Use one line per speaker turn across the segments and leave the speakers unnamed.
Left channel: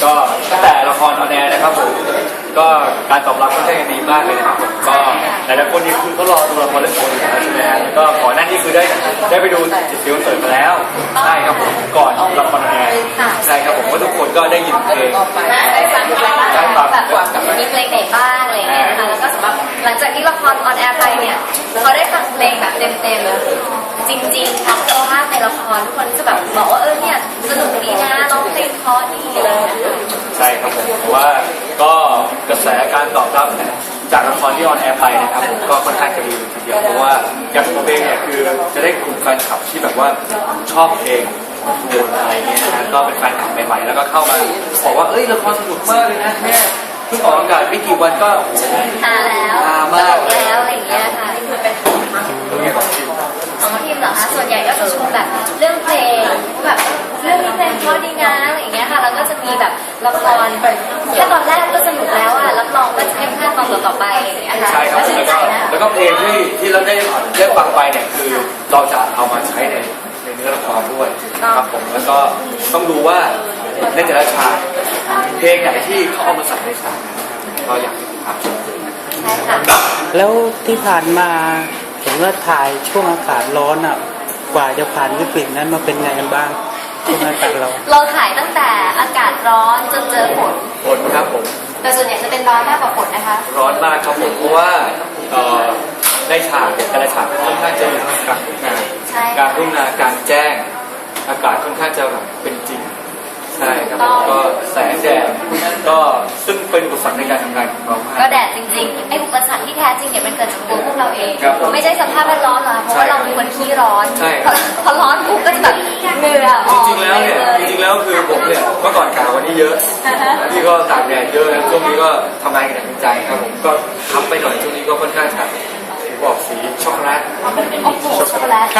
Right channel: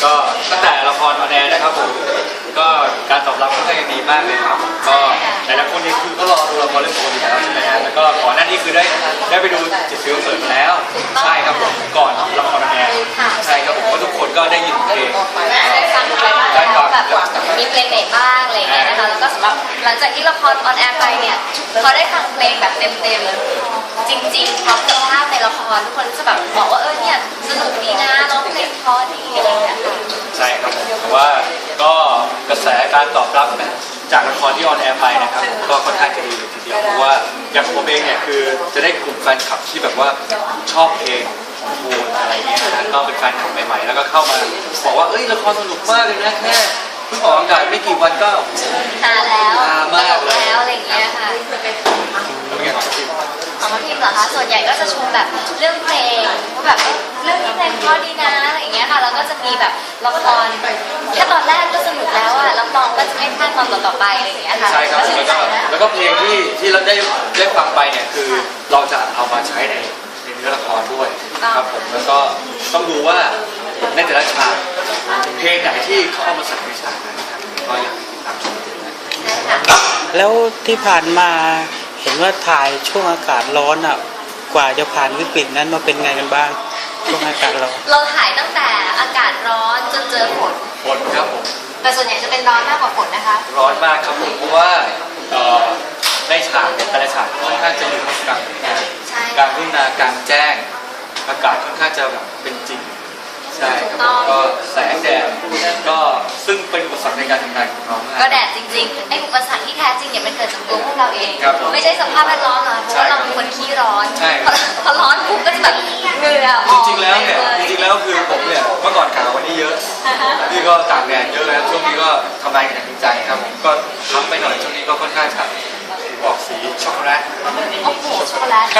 ก็ตั้งแต่ละครออนแอร์นะครับผมก็การตอบรับค่อนข้างดีมากเลยนะครับผมก็หลายๆคนนี่คือก็รอดูละครเรื่องโควิดแล้วใช่ไหมฮะแล้วก็ก่อนหน้านี้คือได้ไปดูจิตฟิวเสิร์ตมาแล้วใช่ครับผมก่อนละครออนแอร์ใช่ครับผมว่าทุกคนก็ได้ยินเพลงได้ฟังแบบ
มีเพลงไหนบ้างอะไรเงี้ยนะคะแล้วก็สำหรับหลังจากที่ละครออนแอร์ไปเนี่ยเขาได้ฟังเพลงแบบเต็มๆจริงๆความคุณภาพในละครทุกคนจะแบบบอกว่าเนี่ยสนุกดีนะร้องเพลงเพราะดีอะไรอย่างเงี้ย
ใช่ครับผมเพราะว่าก็กระแสการตอบรับนะจากละครที่ออนแอร์ไปนะครับก็ค่อนข้างจะดีทีเดียวเพราะว่าอย่างผมเองเนี่ยคือจะได้กลุ่มแฟนคลับที่แบบว่าชอบเพลงวงอะไรเงี้ยนะก็เป็นแฟนคลับใหม่ๆแล้วก็เข้ามาบอกว่าเอ้ยละครสนุกมากเลยนะแค่เพิ่งออกอากาศไม่กี่วันก็
หาแล้วมากแล้วอะไรอย่างเงี้ยค่ะนี่คือเป็น
ตรงนี้ของจริง
ของทีมเหรอคะส่วนใหญ่ก็จะชมแบบเรื่องเพลงแบบเรื่องนี้เพลงเพราะดีนะอะไรอย่างเงี้ยค่ะแล้วก็จะมีแบบละครแค่ตอนแรกก็สนุกแล้วอ่ะรับรองก็จะไม่พลาดตอนต่อไปอะไรอย่างเงี้ยค่ะ
ใช่ครับแล้วก็เพลงที่เราได้ฟังไปเนี่ยคือเราจะเอามาใช้ในเนื้อละครด้วยครับผมแล้วก็ต้องดูว่าในแต่ละฉากเพลงไหนที่เขาเอามาใส่ในฉากก็อยากให้ติดตามชม
ใช่ค่ะ
แล้วที่ผ่านมาเห็นว่าถ่ายช่วงอากาศร้อนอ่ะกว่าจะผ่านวิกฤตนั้นมาเป็นไงกันบ้างช่วงอากาศร้อน
เราถ่ายตั้งแต่อากาศร้อนจนเจอฝน
ครับผม
แต่ส่วนใหญ่จะเป็นร้อนมากกว่าฝนนะคะ
ร้อนมากครับผมเพราะว่าในฉากเนี่ยแต่ละฉากค่อนข้างจะอยู่กลางทุ่งนาการแจ้งอากาศค่อนข้างจะเป็นจริงใช่ครับก็แสงแดดก็ซึ่งเป็นอุปสรรคในการทำงานของเรา
ก็แดดจริงๆไอ้อุปสรรคที่แท้จริงเนี่ยมันเกิดจากตัวพวกเราเองไม่ใช่สภาพแวดล้อมหรอกเพราะว่าเราเป็นคนขี้ร้อนพอร้อนปุ๊บก็จะแบบเหงื่อออก
จริงๆแล้วคือผมเนี่ยเมื่อก่อนถ่ายวันนี้เยอะที่ก็ตากแดดเยอะนะช่วงนี้ก็ทำงานอย่างจริงใจครับผมก็ทำไปหน่อยช่วงนี้ก็ค่อนข้างถ่ายบอกสีช็อกโกแลต
โอ้โหช็อกโกแลต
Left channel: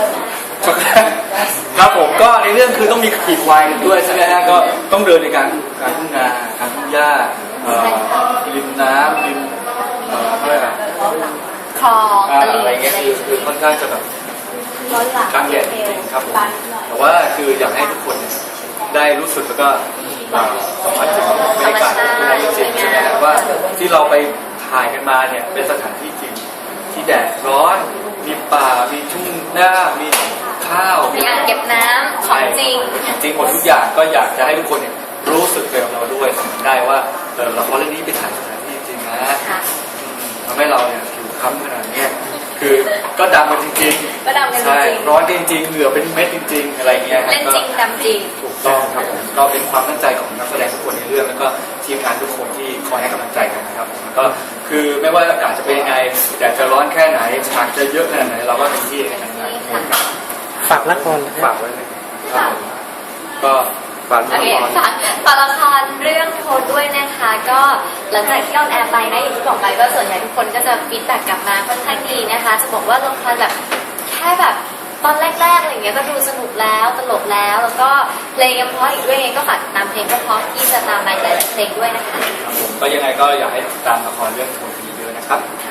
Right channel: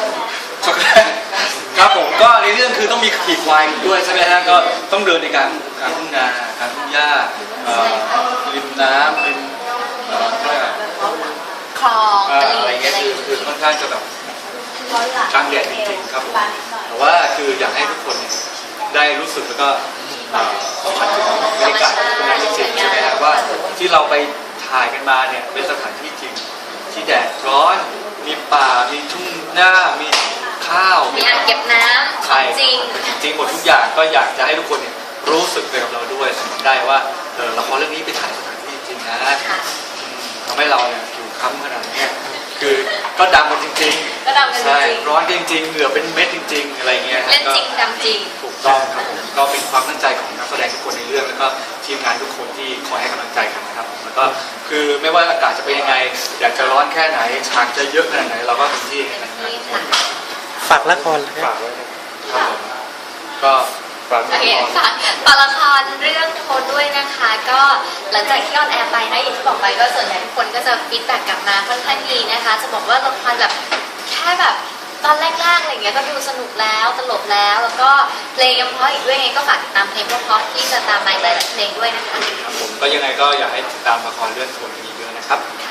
ครับผมก็ในเรื่องคือต้องมีขี่ควายด้วยใช่ไหมฮะก็ต้องเดินในการทุ่งนาการทุ่งหญ้าริมน้ำริมเพื่อแบบ
คลอง
อะไรเงี้ยคือค่อนข้างจะแบบตั้งแดดครับแต่ว่าคืออยากให้ทุกคนได้รู้สึกแล้วก็บรรยากาศจริงๆใช่ไหมว่าที่เราไปถ่ายกันมาเนี่ยเป็นสถานที่จริงที่แดดร้อนมีป่ามีทุ่งหญ้ามีข้าว
มีอ่างเก็บน้ำของจริง
จริงหมดทุกอย่างก็อยากจะให้ทุกคนรู้สึกแบบเราด้วยได้ว่าละครเรื่องนี้ไปถ่ายสถานที่จริงนะทำให้เราเนี่ยอยู่ค้ำขนาดนี้คือก็ดังกันจริงๆ
ก็ดังกันจริง
ร้อนจริงๆเหงื่อเป็นเม็ดจริงๆอะไรเงี้ย
เล่นจริงทำจริง
ถูกต้องครับก็เป็นความตั้งใจของนักแสดงทุกคนในเรื่องแล้วก็ทีมงานทุกคนที่คอยให้กำลังใจกันนะครับแล้วก็คือไม่ว่าอากาศจะเป็นยังไงอยากจะร้อนแค่ไหนฉากจะเยอะขนาดไหนเราก็เต็มที่ในงาน
ฝากละครเลย
ฝากไว้เลยก็ฝาก
ละครเรื่องโคดด้วยนะคะก็หลังจากที่ออนแอร์ไปนะอย่างที่บอกไปก็ส่วนใหญ่ทุกคนก็จะฟีดแบ็กกลับมาค่อนข้างดีนะคะจะบอกว่าละครแบบแค่แบบตอนแรกๆอะไรเงี้ยก็ดูสนุกแล้วตลกแล้วแล้วก็เพลงยังเพราะอีกด้วยก็ฝากตามเพลงเพราะที่จะตามไลฟ์เพลงด้วยนะคะ
ก็ยังไงก็อยากให้ติดตามละครเรื่องโคดนี้ด้วยนะครับ